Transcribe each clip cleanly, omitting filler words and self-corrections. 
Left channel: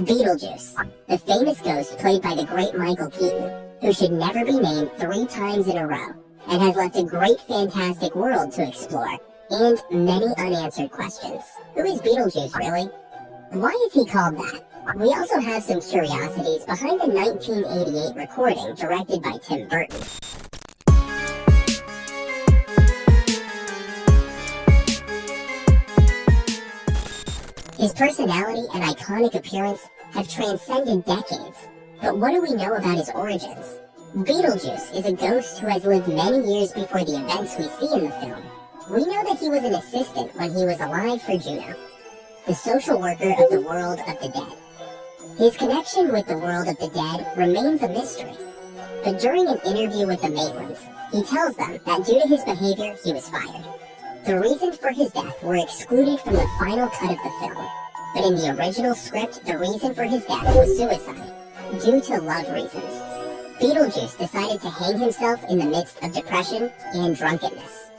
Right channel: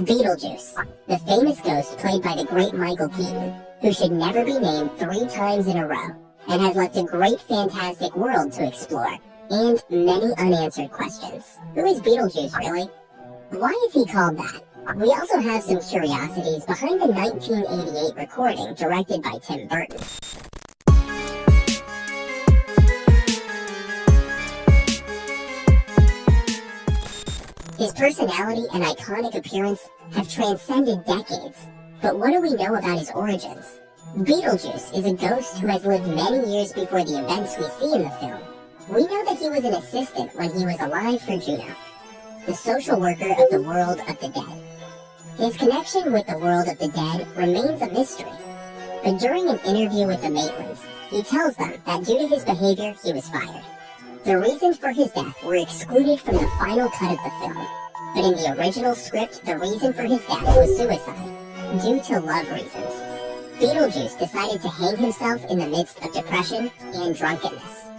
Beetlejuice, the famous ghost played by the great Michael Keaton, who should never be named 3 times in a row, and has left a great fantastic world to explore, and many unanswered questions. Who is Beetlejuice, really? Why is he called that? We also have some curiosities behind the 1988 recording directed by Tim Burton. His personality and iconic appearance have transcended decades, but what do we know about his origins? Beetlejuice is a ghost who has lived many years before the events we see in the film. We know that he was an assistant when he was alive for Juno, the social worker of the world of the dead. His connection with the world of the dead remains a mystery, but during an interview with the Maitlands, he tells them that due to his behavior, he was fired. The reasons for his death were excluded from the final cut of the film, but in the original script, the reason for his death was suicide, due to love reasons. Beetlejuice decided to hang himself in the midst of depression and drunkenness.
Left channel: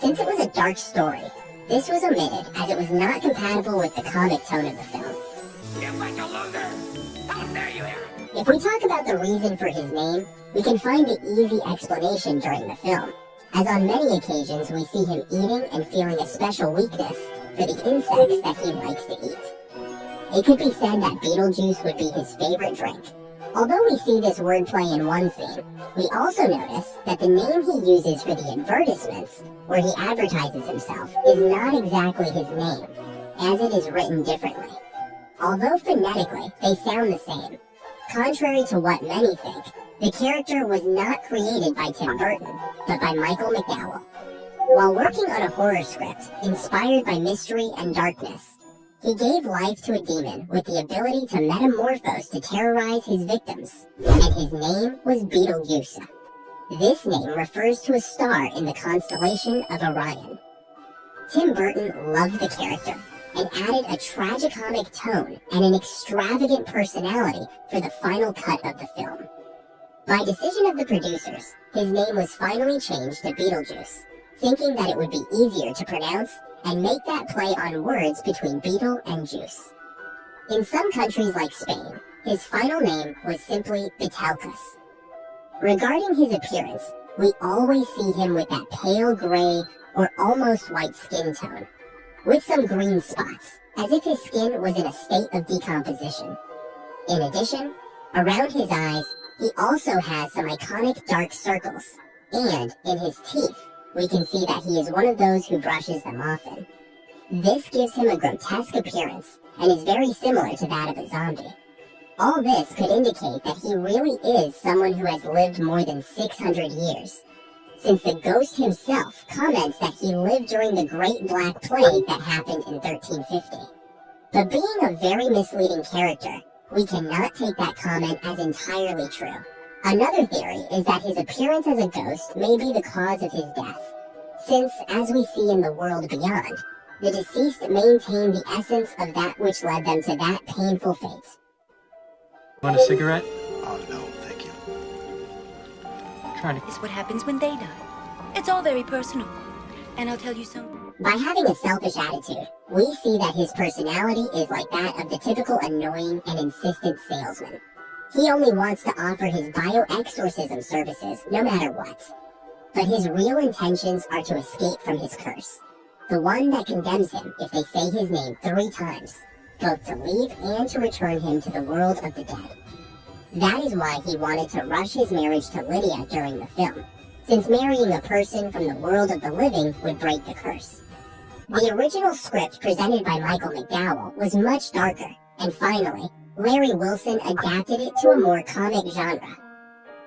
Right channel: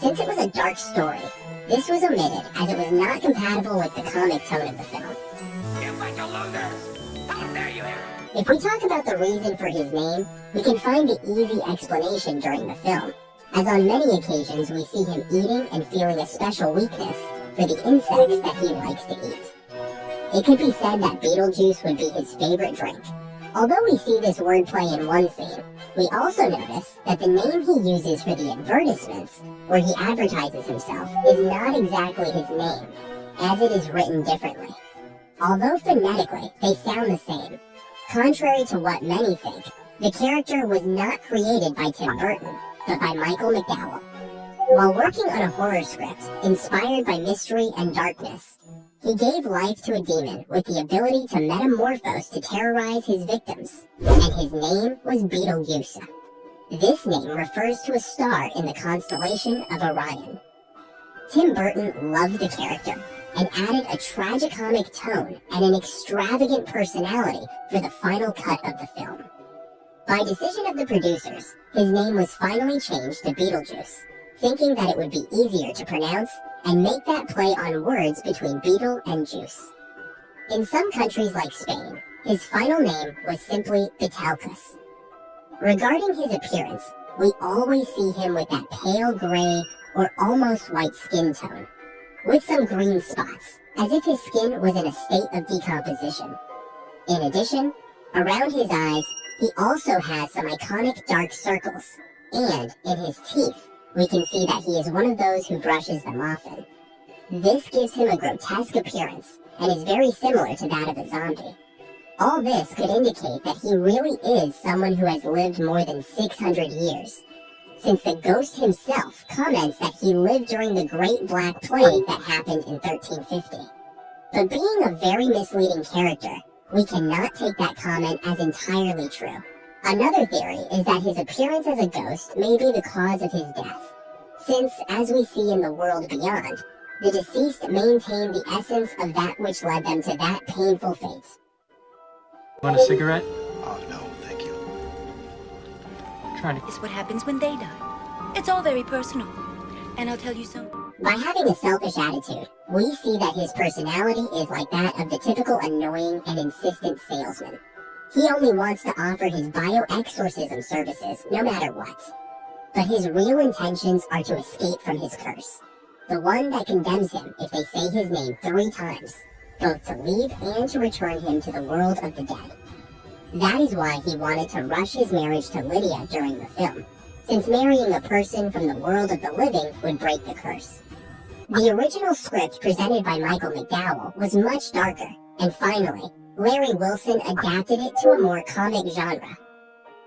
Since it was a dark story, this was omitted as it was not compatible with the comic tone of the film. You bunch of losers! How dare you here? If we talk about the reason for his name, we can find the easy explanation during the film, as on many occasions we see him eating and feeling a special weakness for the insects that he likes to eat. It could be said that Beetlejuice would be his favorite drink. Although we see this wordplay in one scene, we also notice that the name he uses for the advertisements, where he advertises himself, is not exactly his name, as it is written differently. Although phonetically they sound the same, contrary to what many think, the character was not created by Tim Burton, but by Michael McDowell. While working on a horror script inspired by mystery and darkness, he gave life to a demon with the ability to metamorphose to terrorize his victims, and his name was Beetlejuice. This name refers to a star in the constellation of Orion. Tim Burton loved the character and added a tragicomic tone and an extravagant personality for the final cut of the film. By decision of the producers, his name was finally changed to Beetlejuice, thinking that it would be easier to pronounce and make that play on words between beetle and juice. In some countries like Spain, his final name was simply Beetlejuice. Regarding his appearance, we always see him with that pale gray or almost white skin tone, with some green spots, as if his skin was in a state of decomposition. In addition, around his eyes, he also has some iconic dark circles, and in his teeth, we can see that he is one of those who brushes them often. This gives him a grotesque appearance, and is very similar to that of a zombie. All this could indicate that he really is someone who has lived more than 600 years, since the ghost himself comments that he lived during the Great Black Plague that happened in 1350. But being a very misleading character, we cannot take that comment as entirely true. Another theory is that his appearance as a ghost may be the cause of his death, since, as we see in the world beyond, the deceased maintained the essence of that which led them to that painful fate. Want a cigarette? Oh, no, thank you. It's what happens when they die. It's all very personal. And I'll tell you something. By having a selfish attitude, we see that his personality is like that of the typical annoying and insistent salesman. He only wants to offer his bioexorcism services, no matter what. But his real intentions are to escape from his curse, the one that condemns him if they say his name 3 times, both to leave and to return him to the world of the dead. That is why he wanted to rush his marriage to Lydia during the film, since marrying a person from the world of the living would break the curse. The original script presented by Michael McDowell was much darker, and finally, Larry Wilson adapted it to a more comic genre.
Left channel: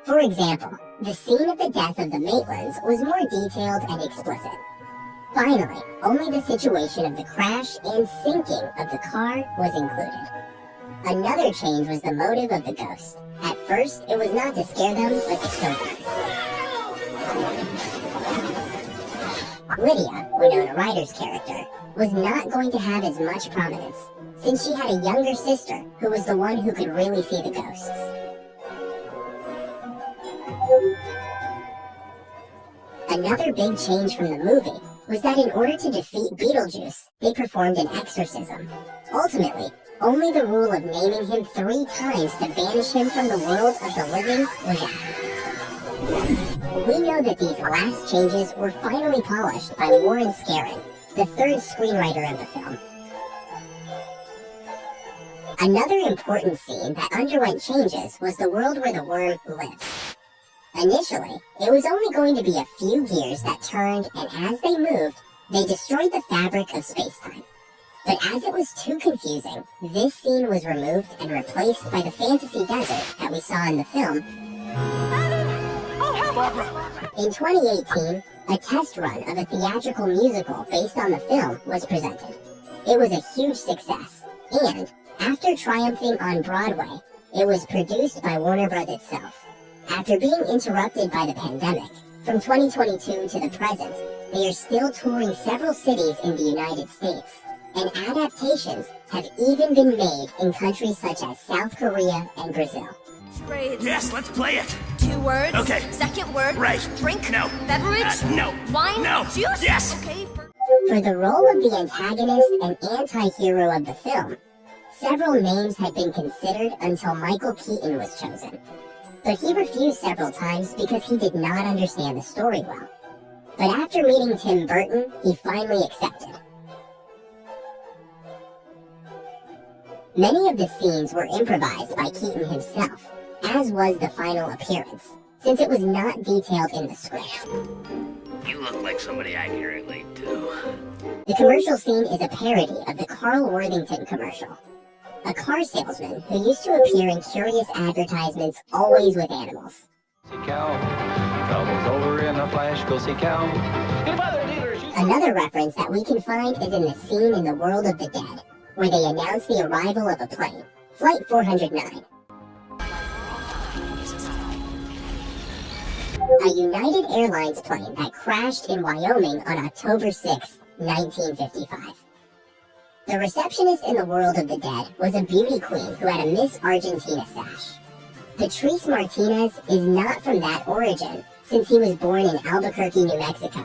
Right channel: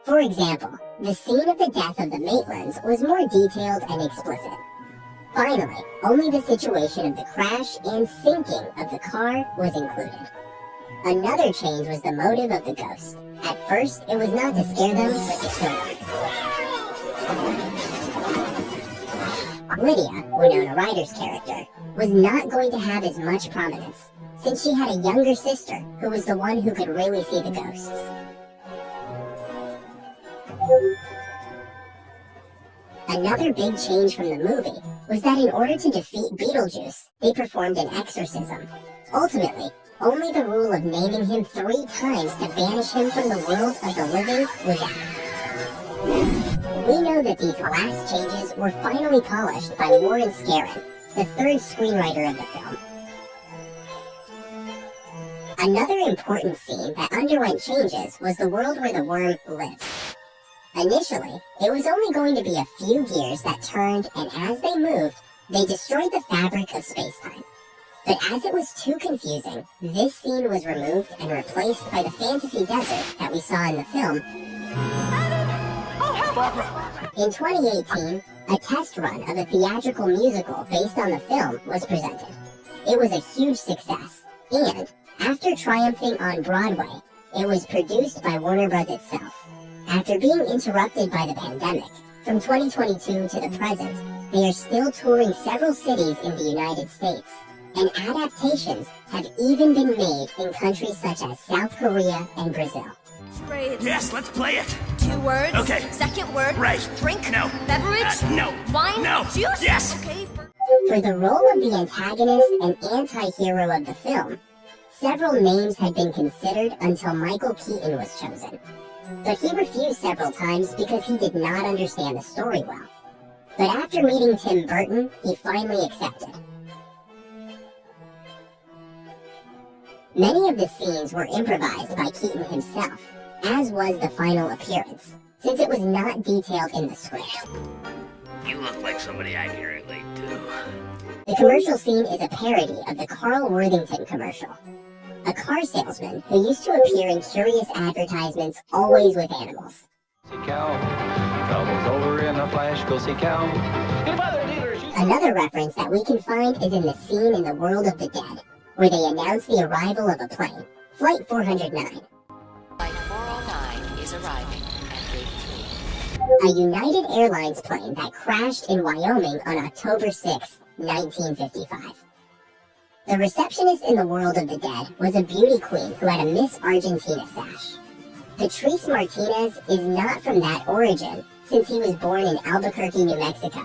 For example, the scene of the death of the Maitlands was more detailed and explicit. Finally, only the situation of the crash and sinking of the car was included. Another change was the motive of the ghost. At first, it was not to scare them, but to kill them. Lydia, Winona Ryder's character, was not going to have as much prominence, since she had a younger sister who was the one who could really see the ghosts. Another big change from the movie was that in order to defeat Beetlejuice, they performed an exorcism. Ultimately, only the rule of naming him 3 times to banish him from the world of the living was out. We know that these last changes were finally polished by Warren Scarron, the 3rd screenwriter of the film. Another important scene that underwent changes was the world where the worm lives. Initially, it was only going to be a few gears that turned, and as they moved, they destroyed the fabric of space-time. But as it was too confusing, this scene was removed and replaced by the fantasy desert that we saw in the film. Barbara! In 2018, a test run of a theatrical musical based on the film was presented. It was a huge success, and after triumphing on Broadway, it was produced by Warner Bros. Itself. After being interrupted by the pandemic, from 2022 to the present, they are still touring several cities in the United States, and adaptations have even been made in countries such as South Korea and Brazil. Trades. Yes, let's play it! 2 words. Okay. Second word. Right. Drink. No. Beverage. No. Wine. No. Juice. Yes. Okay. For the role of the antagonist and anti-hero of the film, several names had been considered until Michael Keaton was chosen. But he refused several times because he did not understand the story well. But after meeting Tim Burton, he finally accepted. Many of the scenes were improvised by Keaton himself, as was the final appearance, since it was not detailed in the script. You look like somebody I can relate to. The commercial scene is a parody of the Carl Worthington commercial, a car salesman who used to appear in curious advertisements always with animals. See cow, trouble's over in a flash, go see cow. Another reference that we can find is in the scene in the World of the Dead, where they announce the arrival of a plane, Flight 409. Flight 409 is arriving at A United Airlines plane that crashed in Wyoming on October 6, 1955. The receptionist in the World of the Dead was a beauty queen who had a Miss Argentina sash. Patrice Martinez is not from that origin, since he was born in Albuquerque, New Mexico,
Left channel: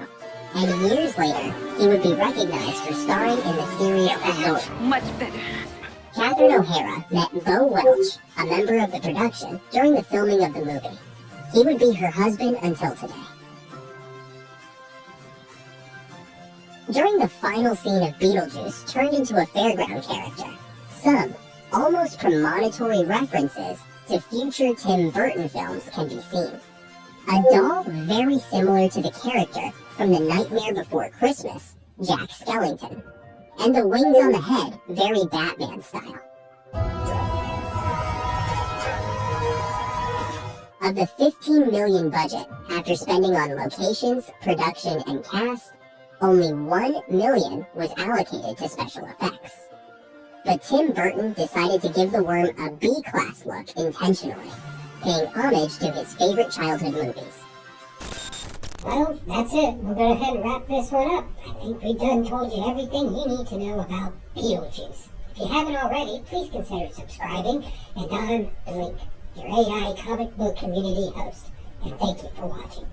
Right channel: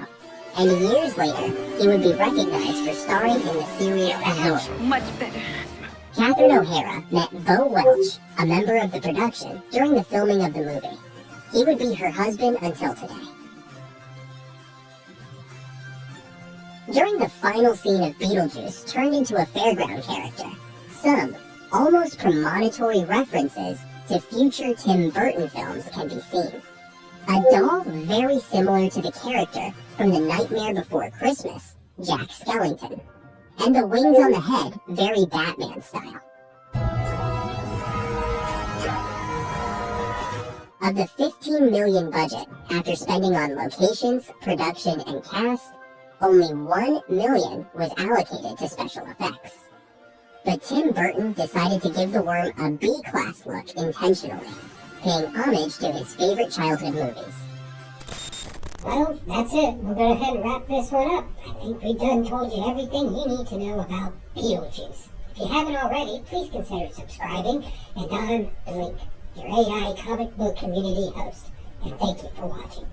and years later, he would be recognized for starring in the series Azor. Much better. Catherine O'Hara met Bo Welch, a member of the production, during the filming of the movie. He would be her husband until today. During the final scene of Beetlejuice turned into a fairground character, some almost premonitory references to future Tim Burton films can be seen. A doll very similar to the character from The Nightmare Before Christmas, Jack Skellington, and the wings on the head very Batman style. Of the $15 million budget, after spending on locations, production, and cast, only $1 million was allocated to special effects. But Tim Burton decided to give the worm a B-class look intentionally, paying homage to his favorite childhood movies. Well, that's it. We'll go ahead and wrap this one up. I think we've done told you everything you need to know about Beetlejuice. If you haven't already, please consider subscribing. And I'm Blink, your AI comic book community host. And thank you for watching.